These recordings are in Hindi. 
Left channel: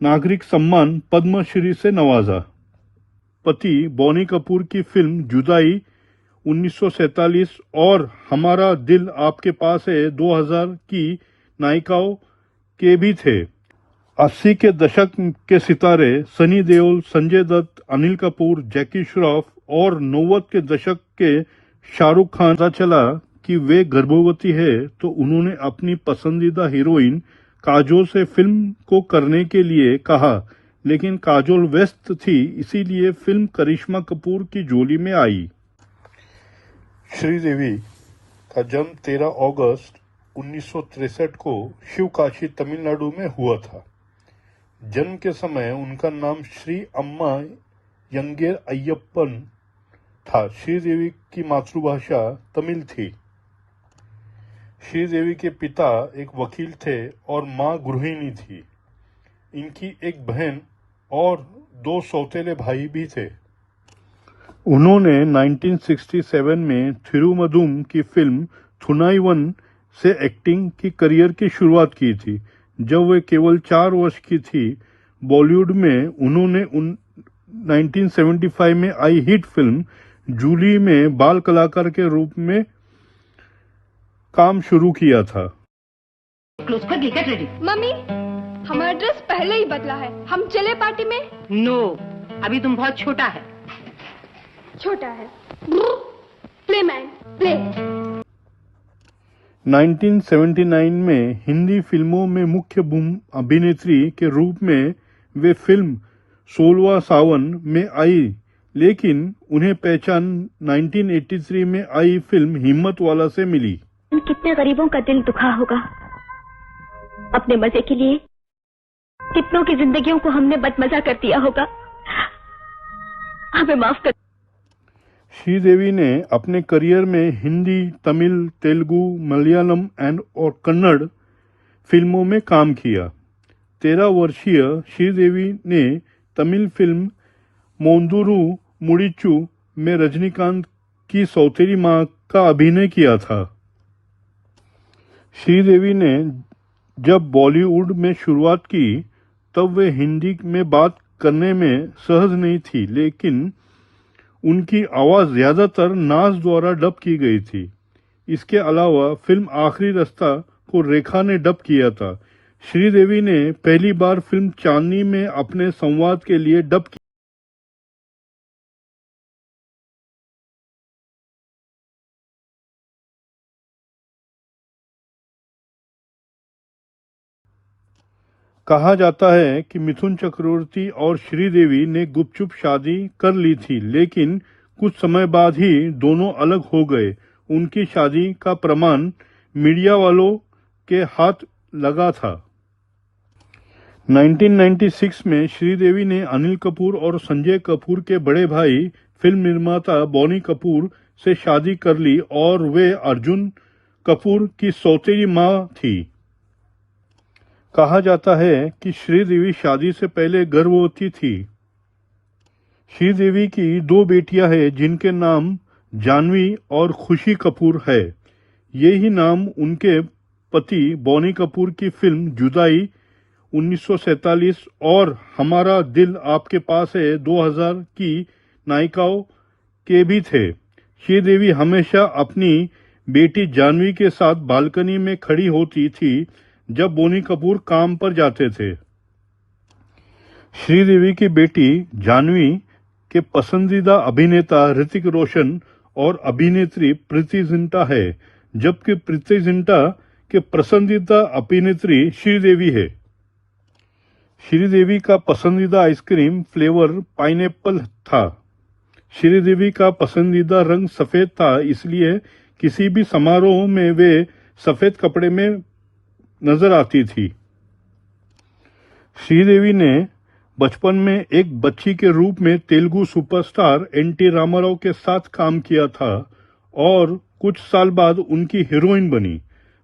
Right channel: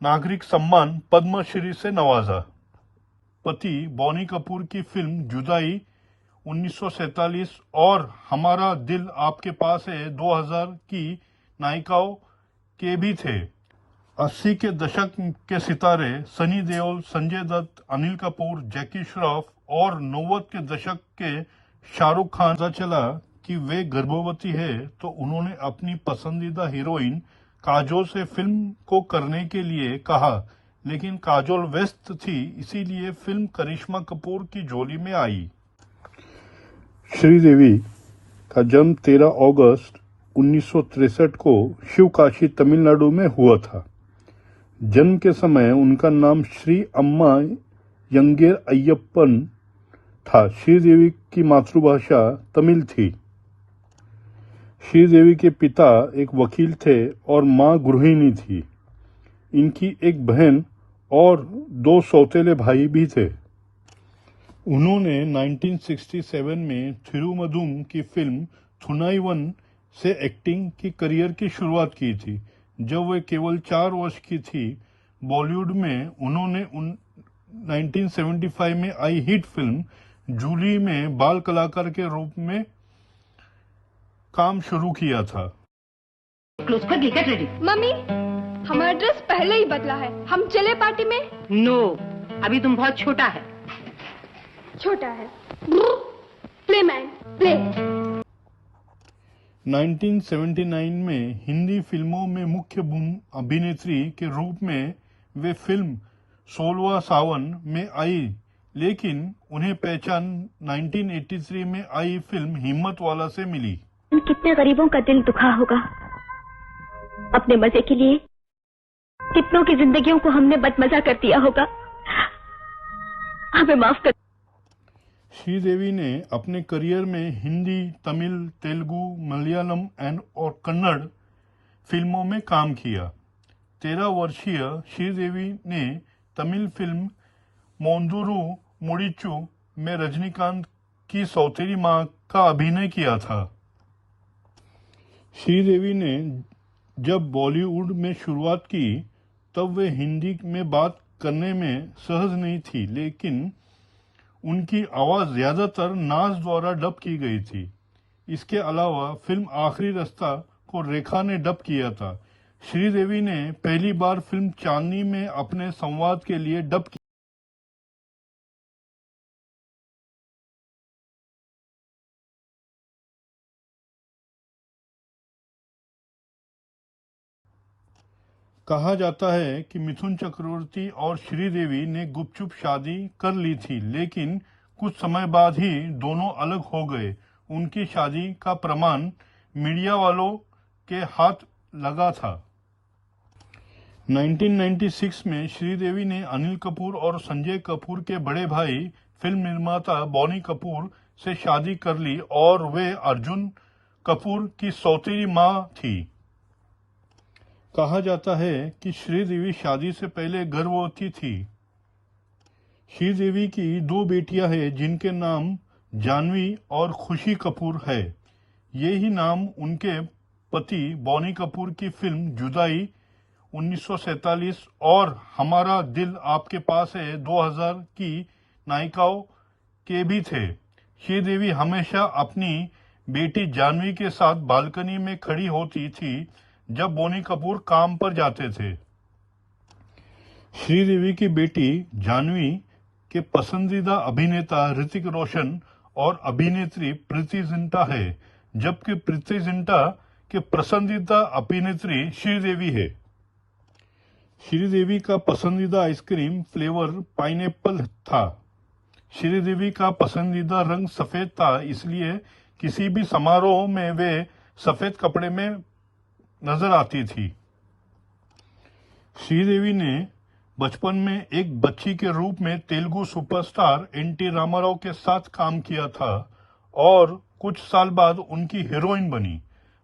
नागरिक सम्मान पद्मश्री से नवाजा। पति बॉनी कपूर की फिल्म जुदाई 1947 और हमारा दिल आपके पास है 2000 की नायिकाओं के भी थे। 80 के दशक के सितारे सनी देओल, संजय दत्त, अनिल कपूर, जैकी श्रॉफ और 90 के दशक के शाहरुख खान पता चला कि वे गर्भवती है तो उन्होंने अपनी पसंदीदा हीरोइन काजोल से फिल्म को करने के लिए कहा, लेकिन काजोल व्यस्त थी, इसीलिए फिल्म करिश्मा कपूर की झोली में आई। श्रीदेवी का जन्म 13 अगस्त 1963 को शिवकाशी, तमिलनाडु में हुआ था। जन्म के समय उनका नाम श्री अम्मा यंगेर अय्यप्पन था। श्रीदेवी की मातृभाषा तमिल थी। श्रीदेवी के पिता एक वकील थे और मां गृहिणी थी। इनकी एक बहन और 2 सौतेले भाई भी थे। उन्होंने 1967 में थिरुमधुम की फिल्म थुनाईवन से एक्टिंग की करियर की शुरुआत की थी। जब वे केवल 4 वर्ष की थी, बॉलीवुड में उन्होंने 1975 में आई हिट फिल्म जूली में बाल कलाकार के रूप में काम शुरू किया था। क्लोज कर गेट रेडी। मम्मी, हमारा ड्रेस पहले ही बदला है, हम चले पार्टी में? नो, अभी तुम बहुत छोटा है। छोटा है। Play man, play. 1979 में हिंदी फिल्मों में मुख्य अभिनेत्री के रूप में वे फिल्म 16वां सावन में आई, लेकिन उन्हें पहचान 1983 में आई फिल्म हिम्मत वाला से मिली। कितने गरीबों का दिल दुखा होगा। अपने मजे के लिए कितनों की जिंदगियों को हमने बदमजा कर दिया होगा। हमें माफ कर। श्रीदेवी ने अपने करियर में हिंदी, तमिल, तेलुगु, मलयालम और कन्नड़ फिल्मों में काम किया। 13 वर्षीय श्रीदेवी ने तमिल फिल्म मोंदुरु मुडिचु में रजनीकांत की सौतेली मां का अभिनय किया था। श्रीदेवी ने जब बॉलीवुड में शुरुआत की तब वे हिंदी में बात करने में सहज नहीं थी, लेकिन उनकी आवाज ज्यादातर नाज द्वारा डब की गई थी। इसके अलावा फिल्म आखिरी रास्ता को रेखा ने डब किया था। श्रीदेवी ने पहली बार फिल्म चांदनी में अपने संवाद के लिए डब किया। कहा जाता है कि मिथुन चक्रवर्ती और श्रीदेवी ने गुपचुप शादी कर ली थी, लेकिन कुछ समय बाद ही दोनों अलग हो गए। उनकी शादी का प्रमाण मीडिया वालों के हाथ लगा था। 1996 में श्रीदेवी ने अनिल कपूर और संजय कपूर के बड़े भाई फिल्म निर्माता बॉनी कपूर से शादी कर ली और वे अर्जुन कपूर की सौतेली मां थी। कहा जाता है कि श्रीदेवी शादी से पहले गर्भवती थी। श्रीदेवी की 2 बेटियां हैं जिनके नाम जानवी और खुशी कपूर है। यही नाम उनके पति बॉनी कपूर की फिल्म जुदाई 1947 और हमारा दिल आपके पास है 2000 की नायिकाओं के भी थे। श्रीदेवी हमेशा अपनी बेटी जानवी के साथ बालकनी में खड़ी होती थी जब बोनी कपूर काम पर जाते थे। श्रीदेवी की बेटी जानवी के पसंदीदा अभिनेता ऋतिक रोशन और अभिनेत्री प्रीति जिंटा है, जबकि प्रीति जिंटा के पसंदीदा अभिनेत्री श्रीदेवी है। श्रीदेवी का पसंदीदा आइसक्रीम फ्लेवर पाइनएप्पल था। श्रीदेवी का पसंदीदा रंग सफेद था, इसलिए किसी भी समारोह में वे सफेद कपड़े में नजर आती थी। श्रीदेवी ने बचपन में एक बच्ची के रूप में तेलुगु सुपरस्टार एनटी रामाराव के साथ काम किया था और कुछ साल बाद उनकी हीरोइन बनी।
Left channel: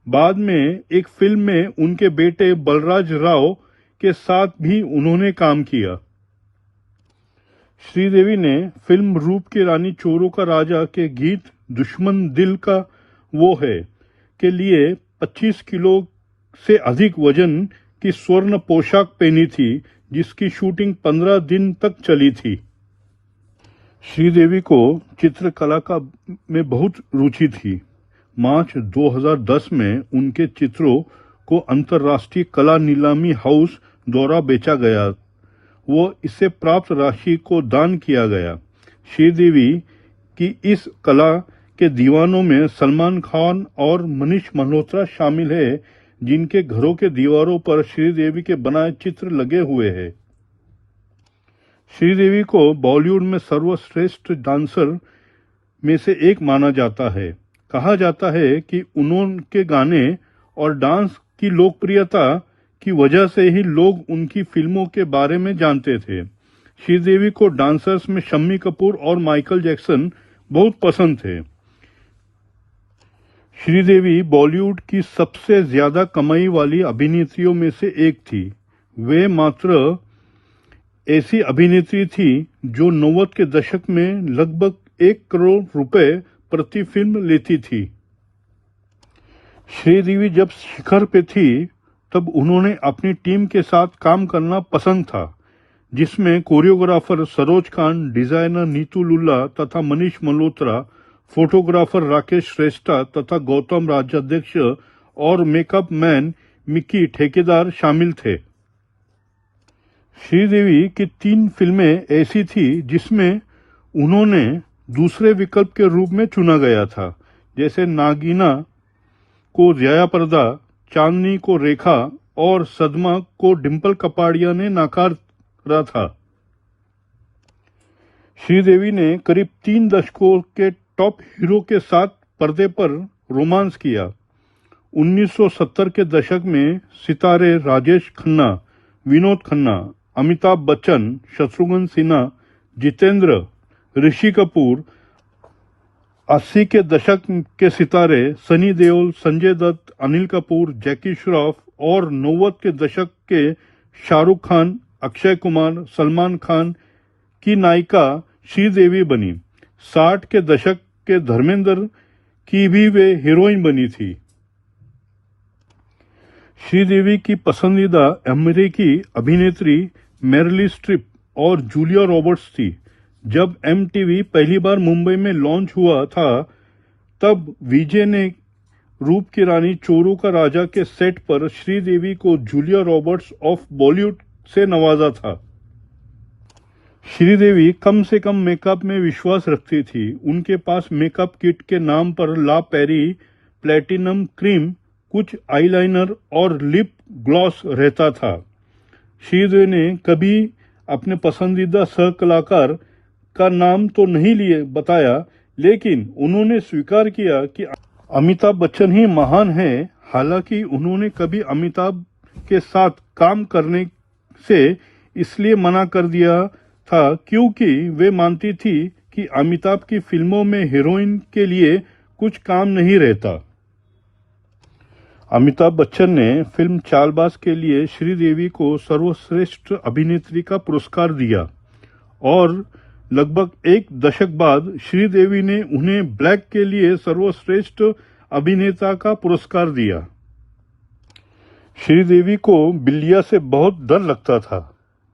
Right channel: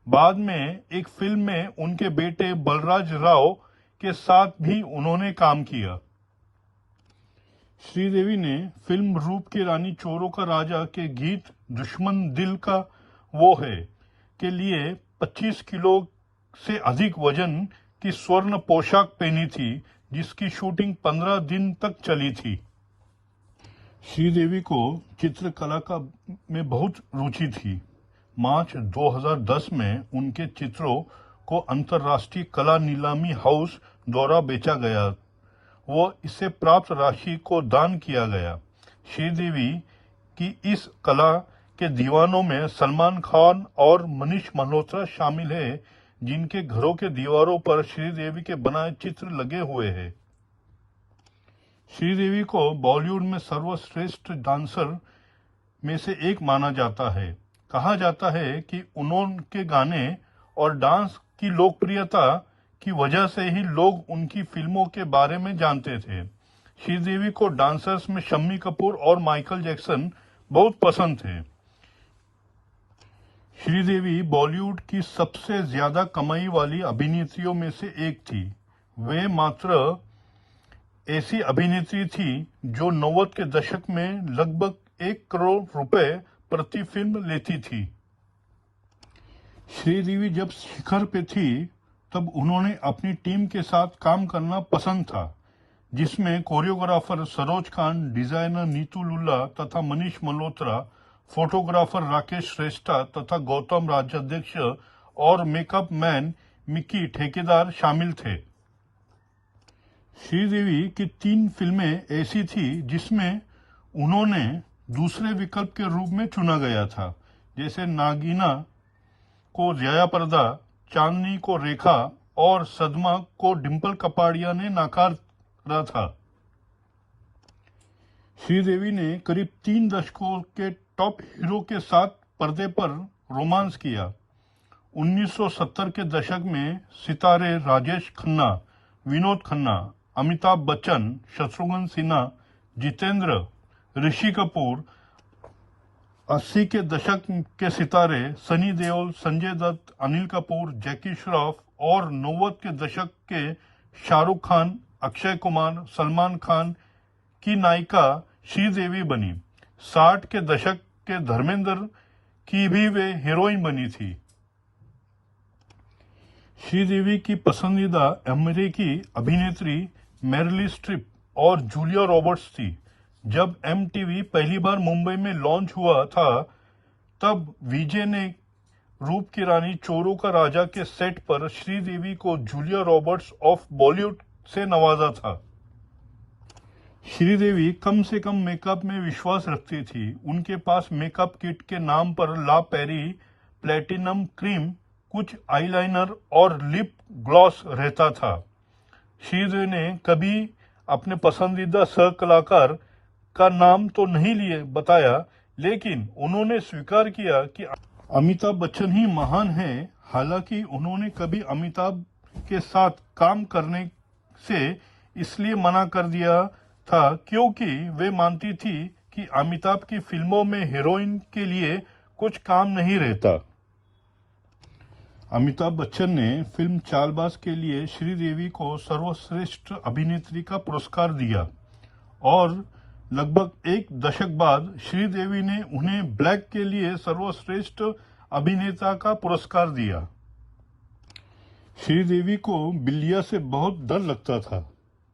बाद में एक फिल्म में उनके बेटे बलराज राव के साथ भी उन्होंने काम किया। श्रीदेवी ने फिल्म रूप की रानी चोरों का राजा के गीत दुश्मन दिल का वो है के लिए 25 किलो से अधिक वजन की स्वर्ण पोशाक पहनी थी, जिसकी शूटिंग 15 दिन तक चली थी। श्रीदेवी को चित्रकला में बहुत रुचि थी। मार्च 2010 में उनके चित्रों को अंतर्राष्ट्रीय कला नीलामी हाउस द्वारा बेचा गया। वो इससे प्राप्त राशि को दान किया गया। श्रीदेवी की इस कला के दीवानों में सलमान खान और मनीष मल्होत्रा शामिल है, जिनके घरों के दीवारों पर श्रीदेवी के बनाए चित्र लगे हुए हैं। श्रीदेवी को बॉलीवुड में सर्वश्रेष्ठ डांसर में से एक माना जाता है। कहा जाता है कि उनके गाने और डांस की लोकप्रियता की वजह से ही लोग उनकी फिल्मों के बारे में जानते थे। श्रीदेवी को डांसर्स में शम्मी कपूर और माइकल जैक्सन बहुत पसंद थे। श्रीदेवी बॉलीवुड की सबसे ज्यादा कमाई वाली अभिनेत्रियों में से एक थी। वे मात्र ऐसी अभिनेत्री थी जो 90 के दशक में लगभग 1 करोड़ रुपए प्रति फिल्म लेती थी। श्रीदेवी जब शिखर पे थी तब उन्होंने अपनी टीम के साथ काम करना पसंद था, जिसमें कोरियोग्राफर सरोज खान, डिजाइनर नीतू लुल्ला तथा मनीष मल्होत्रा, फोटोग्राफर राकेश श्रेष्ठा तथा गौतम राज्याध्यक्ष और मेकअप मैन मिकी ठेकेदार शामिल थे। श्रीदेवी की 3 फिल्में ऐसी थी जिसमें उन्होंने दूसरे विकल्प के रूप में चुना गया था, जैसे नागीना को जया प्रदा, चांदनी को रेखा और सदमा को डिम्पल कपाड़िया ने नकारा था। श्रीदेवी ने करीब 3 दशकों के टॉप हीरो के साथ पर्दे पर रोमांस किया। 1970 के दशक में सितारे राजेश खन्ना, विनोद खन्ना, अमिताभ बच्चन, शत्रुघ्न सिन्हा, जितेंद्र, ऋषि कपूर, 80 के दशक के सितारे सनी देओल, संजय दत्त, अनिल कपूर, जैकी श्रॉफ और 90 के दशक के शाहरुख खान, अक्षय कुमार, सलमान खान की नायिका श्रीदेवी बनी। 60 के दशक के धर्मेंद्र की भी वे हीरोइन बनी थी। श्रीदेवी की पसंदीदा अमेरिकी अभिनेत्री मेरिल स्ट्रिप और जूलिया रॉबर्ट्स थी। जब एमटीवी पहली बार मुंबई में लॉन्च हुआ था, तब विजय ने रूप की रानी चोरू का राजा के सेट पर श्रीदेवी को जूलिया रॉबर्ट्स ऑफ बॉलीवुड से नवाजा था। श्रीदेवी कम से कम मेकअप में विश्वास रखती थी। उनके पास मेकअप किट के नाम पर ला पेरी प्लेटिनम क्रीम, कुछ आईलाइनर और लिप ग्लॉस रहता था। श्रीदेवी ने कभी अपने पसंदीदा सहकलाकार का नाम तो नहीं बताया, लेकिन उन्होंने स्वीकार किया कि अमिताभ बच्चन ही महान है। हालांकि उन्होंने कभी अमिताभ के साथ काम करने से इसलिए मना कर दिया था क्योंकि वे मानती थी कि अमिताभ की फिल्मों में हीरोइन के लिए कुछ काम नहीं रहता। अमिताभ बच्चन ने फिल्म चालबाज के लिए श्रीदेवी को सर्वश्रेष्ठ अभिनेत्री का पुरस्कार दिया और लगभग 1 दशक बाद श्रीदेवी ने उन्हें ब्लैक के लिए सर्वश्रेष्ठ अभिनेता का पुरस्कार दिया। श्रीदेवी को बिल्लिया से बहुत डर लगता था,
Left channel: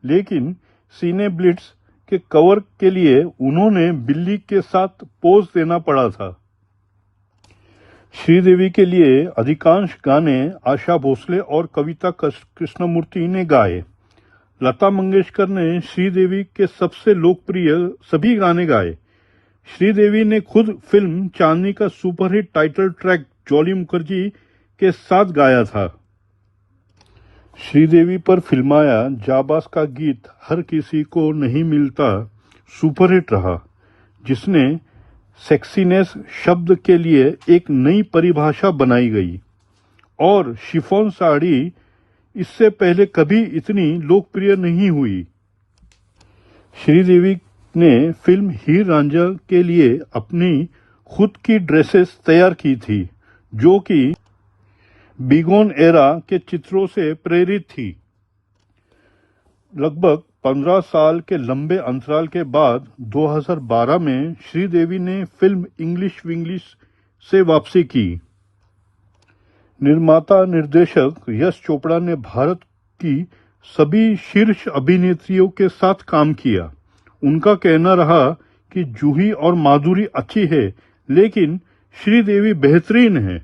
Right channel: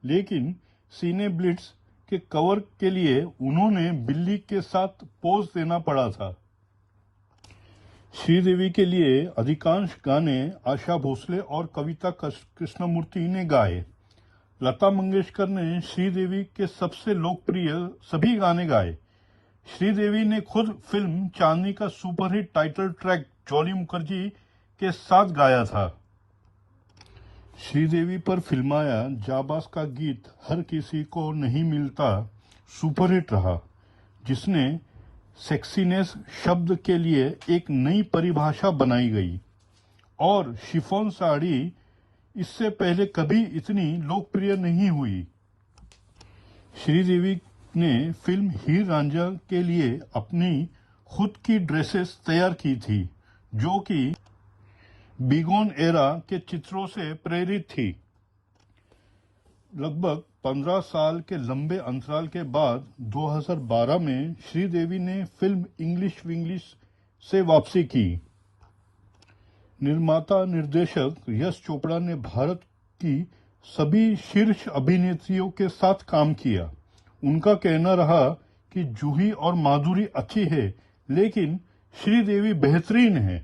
लेकिन सीने ब्लिट्स के कवर के लिए उन्होंने बिल्ली के साथ पोज देना पड़ा था। श्रीदेवी के लिए अधिकांश गाने आशा भोसले और कविता कृष्णमूर्ति ने गाए। लता मंगेशकर ने श्रीदेवी के सबसे लोकप्रिय सभी गाने गाए। श्रीदेवी ने खुद फिल्म चांदनी का superhit title track jolly Mukherjee के साथ गाया था। श्रीदेवी पर फिल्माया जाबाज का गीत हर किसी को नहीं मिलता सुपरहिट रहा, जिसने सेक्सीनेस शब्द के लिए एक नई परिभाषा बनाई गई और शिफॉन साड़ी इससे पहले कभी इतनी लोकप्रिय नहीं हुई। श्रीदेवी ने फिल्म हीर रांझा के लिए अपनी खुद की ड्रेसेस तैयार की थी, जो कि बिगोन एरा के चित्रों से प्रेरित थी। लगभग 15 साल के लंबे अंतराल के बाद 2012 में श्रीदेवी ने फिल्म इंग्लिश विंग्लिश से वापसी की। निर्माता निर्देशक यश चोपड़ा ने भारत की सभी शीर्ष अभिनेत्रियों के साथ काम किया। उनका कहना रहा कि जूही और माधुरी अच्छी है, लेकिन श्रीदेवी बेहतरीन है।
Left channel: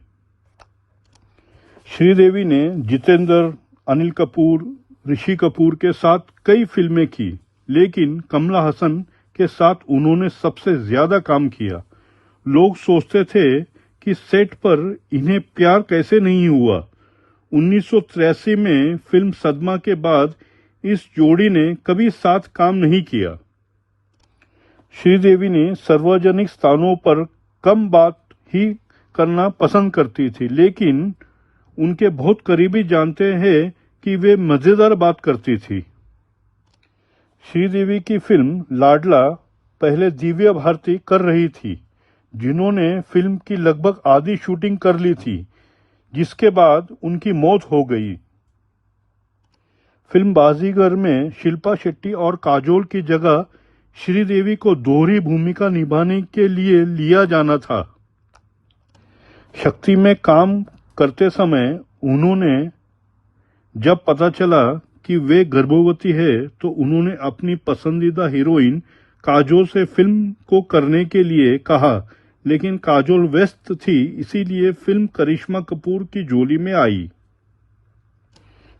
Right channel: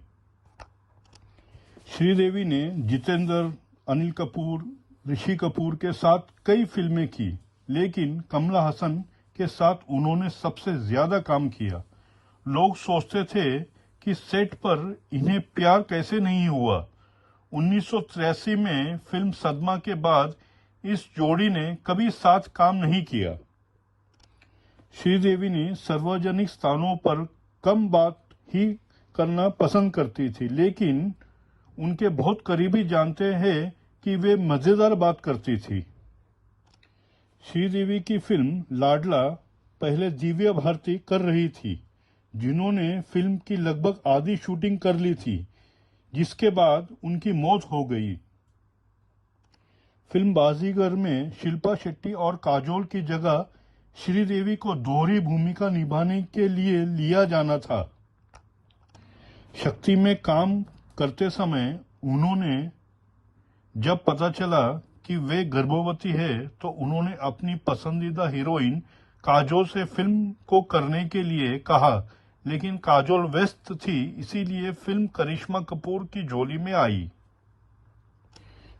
श्रीदेवी ने जितेंद्र, अनिल कपूर, ऋषि कपूर के साथ कई फिल्में की, लेकिन कमला हसन के साथ उन्होंने सबसे ज्यादा काम किया। लोग सोचते थे कि सेट पर इन्हें प्यार कैसे नहीं हुआ। 1983 में फिल्म सदमा के बाद इस जोड़ी ने कभी साथ काम नहीं किया। श्रीदेवी ने सार्वजनिक स्थानों पर कम बात ही करना पसंद करती थी, लेकिन उनके बहुत करीबी जानते हैं कि वे मजेदार बात करती थी। श्रीदेवी की फिल्म लाडला पहले दिव्या भारती कर रही थी, जिन्होंने फिल्म की लगभग आधी शूटिंग कर ली थी, जिसके बाद उनकी मौत हो गई। फिल्म बाजीगर में शिल्पा शेट्टी और काजोल की जगह श्रीदेवी को दोहरी भूमिका निभाने के लिए लिया जाना था। शक्ति में काम करते समय उन्होंने जब पता चला कि वे गर्भवती है तो उन्होंने अपनी पसंदीदा हीरोइन काजोल से फिल्म को करने के लिए कहा, लेकिन काजोल व्यस्त थी, इसीलिए फिल्म करिश्मा कपूर की झोली में आई।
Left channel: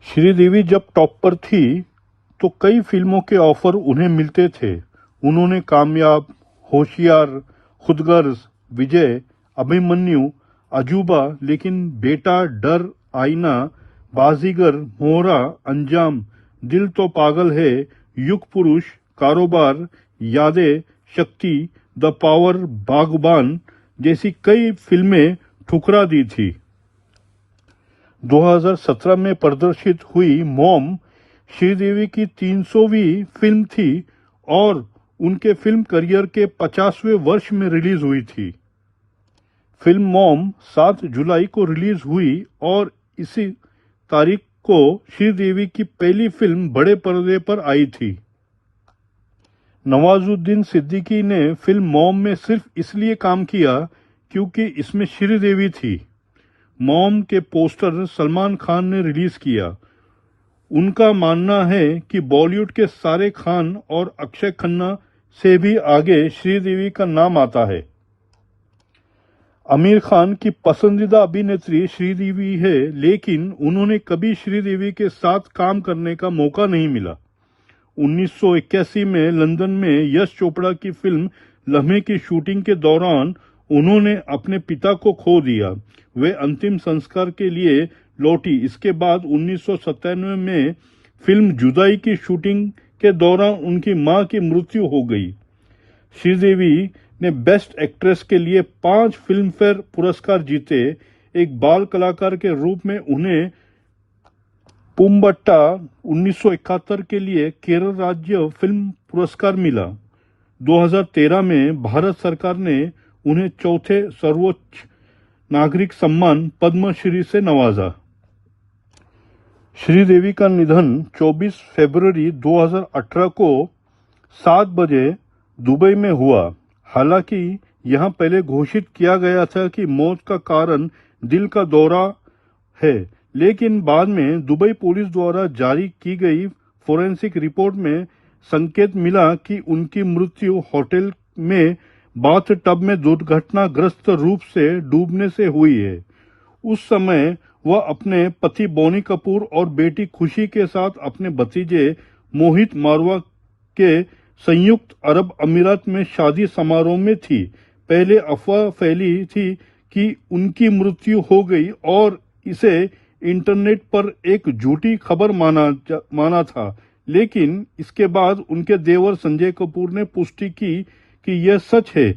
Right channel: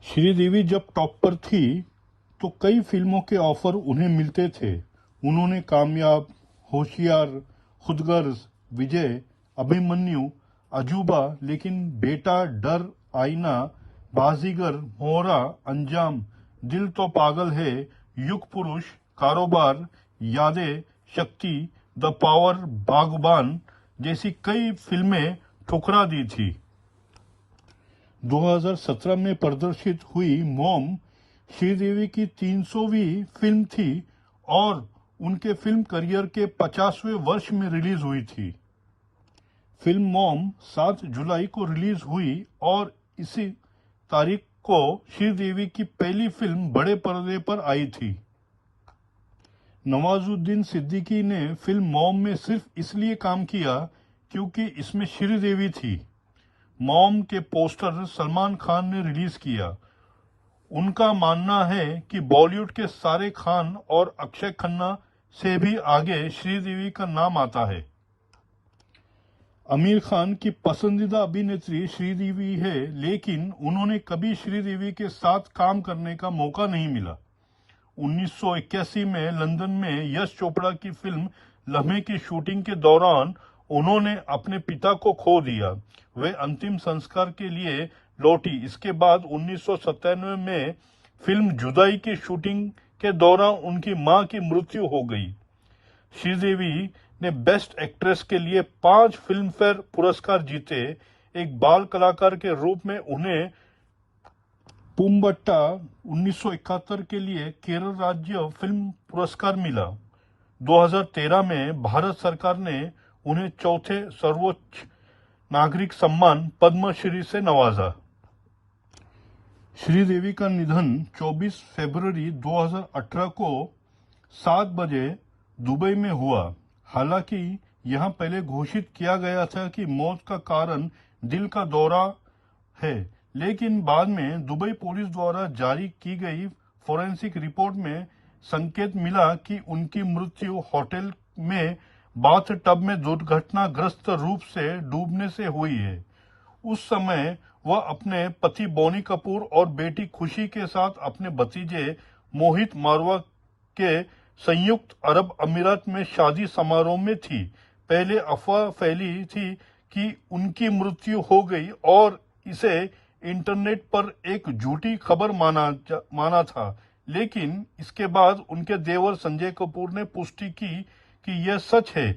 श्रीदेवी जब टॉप पर थी तो कई फिल्मों के ऑफर उन्हें मिलते थे। उन्होंने कामयाब, होशियार, खुदगर्ज, विजय, अभिमन्यु, अजूबा, लेकिन बेटा, डर, आईना, बाजीगर, मोहरा, अंजाम, दिल तो पागल है, युग पुरुष, कारोबार, यादें, शक्ति, द पावर, बागबान जैसी कई फिल्में ठुकरा दी थी। 2017 में प्रदर्शित हुई मॉम श्रीदेवी की 300वीं फिल्म थी और उनके फिल्म करियर के 50वें वर्ष में रिलीज हुई थी। फिल्म मॉम 7 जुलाई को रिलीज हुई और इसी तारीख को श्रीदेवी की पहली फिल्म बड़े पर्दे पर आई थी। नवाजुद्दीन सिद्दीकी ने फिल्म मॉम में सिर्फ इसलिए काम किया क्योंकि इसमें श्रीदेवी थी। मॉम के पोस्टर सलमान खान ने रिलीज किया। उनका मानना है कि बॉलीवुड के सारे खान और अक्षय खन्ना से भी आगे श्रीदेवी का नाम आता है। आमिर खान की पसंदीदा अभिनेत्री श्रीदेवी है, लेकिन उन्होंने कभी श्रीदेवी के साथ काम करने का मौका नहीं मिला। 1981 में लंदन में यश चोपड़ा की फिल्म लम्हे की शूटिंग के दौरान उन्होंने अपने पिता को खो दिया। वे अंतिम संस्कार के लिए लौटी। इसके बाद 1997 में फिल्म जुदाई की शूटिंग के दौरान उनकी मां की मृत्यु हो गई। श्रीदेवी ने बेस्ट एक्ट्रेस के लिए 5 फिल्म फेयर पुरस्कार जीते। एक बाल कलाकार के रूप में उन्हें पुम्बट्टा 1971 के लिए केरल राज्य फिल्म पुरस्कार मिला। 2013 में भारत सरकार ने उन्हें चौथे सर्वोच्च नागरिक सम्मान पद्मश्री से नवाजा। श्रीदेवी का निधन 24 फरवरी 2018 को 7 बजे दुबई में हुआ। हालांकि यहां पहले घोषित किया गया था कि मौत का कारण दिल का दौरा है, लेकिन बाद में दुबई पुलिस द्वारा जारी की गई फोरेंसिक रिपोर्ट में संकेत मिला कि उनकी मृत्यु होटल में बाथ टब में दुर्घटनाग्रस्त रूप से डूबने से हुई है। उस समय वह अपने पति बोनी कपूर और बेटी खुशी के साथ अपने भतीजे मोहित मारवा के संयुक्त अरब अमीरात में शादी समारोह में थी। पहले अफवाह फैली थी कि उनकी मृत्यु हो गई और इसे इंटरनेट पर एक झूठी खबर माना था, लेकिन इसके बाद उनके देवर संजय कपूर ने पुष्टि की कि यह सच है।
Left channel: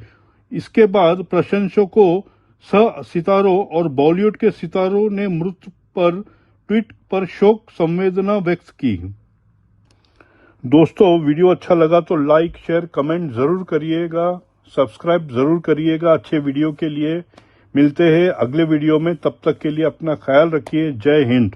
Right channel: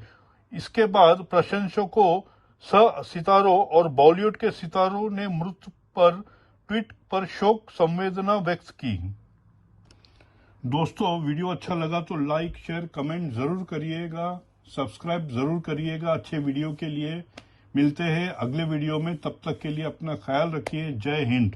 इसके बाद प्रशंसकों, सह सितारों और बॉलीवुड के सितारों ने मृत्यु पर ट्वीट पर शोक संवेदना व्यक्त की। दोस्तों, वीडियो अच्छा लगा तो लाइक, शेयर, कमेंट जरूर करिएगा, सब्सक्राइब जरूर करिएगा। अच्छे वीडियो के लिए मिलते हैं अगले वीडियो में। तब तक के लिए अपना ख्याल रखिए। जय हिंद।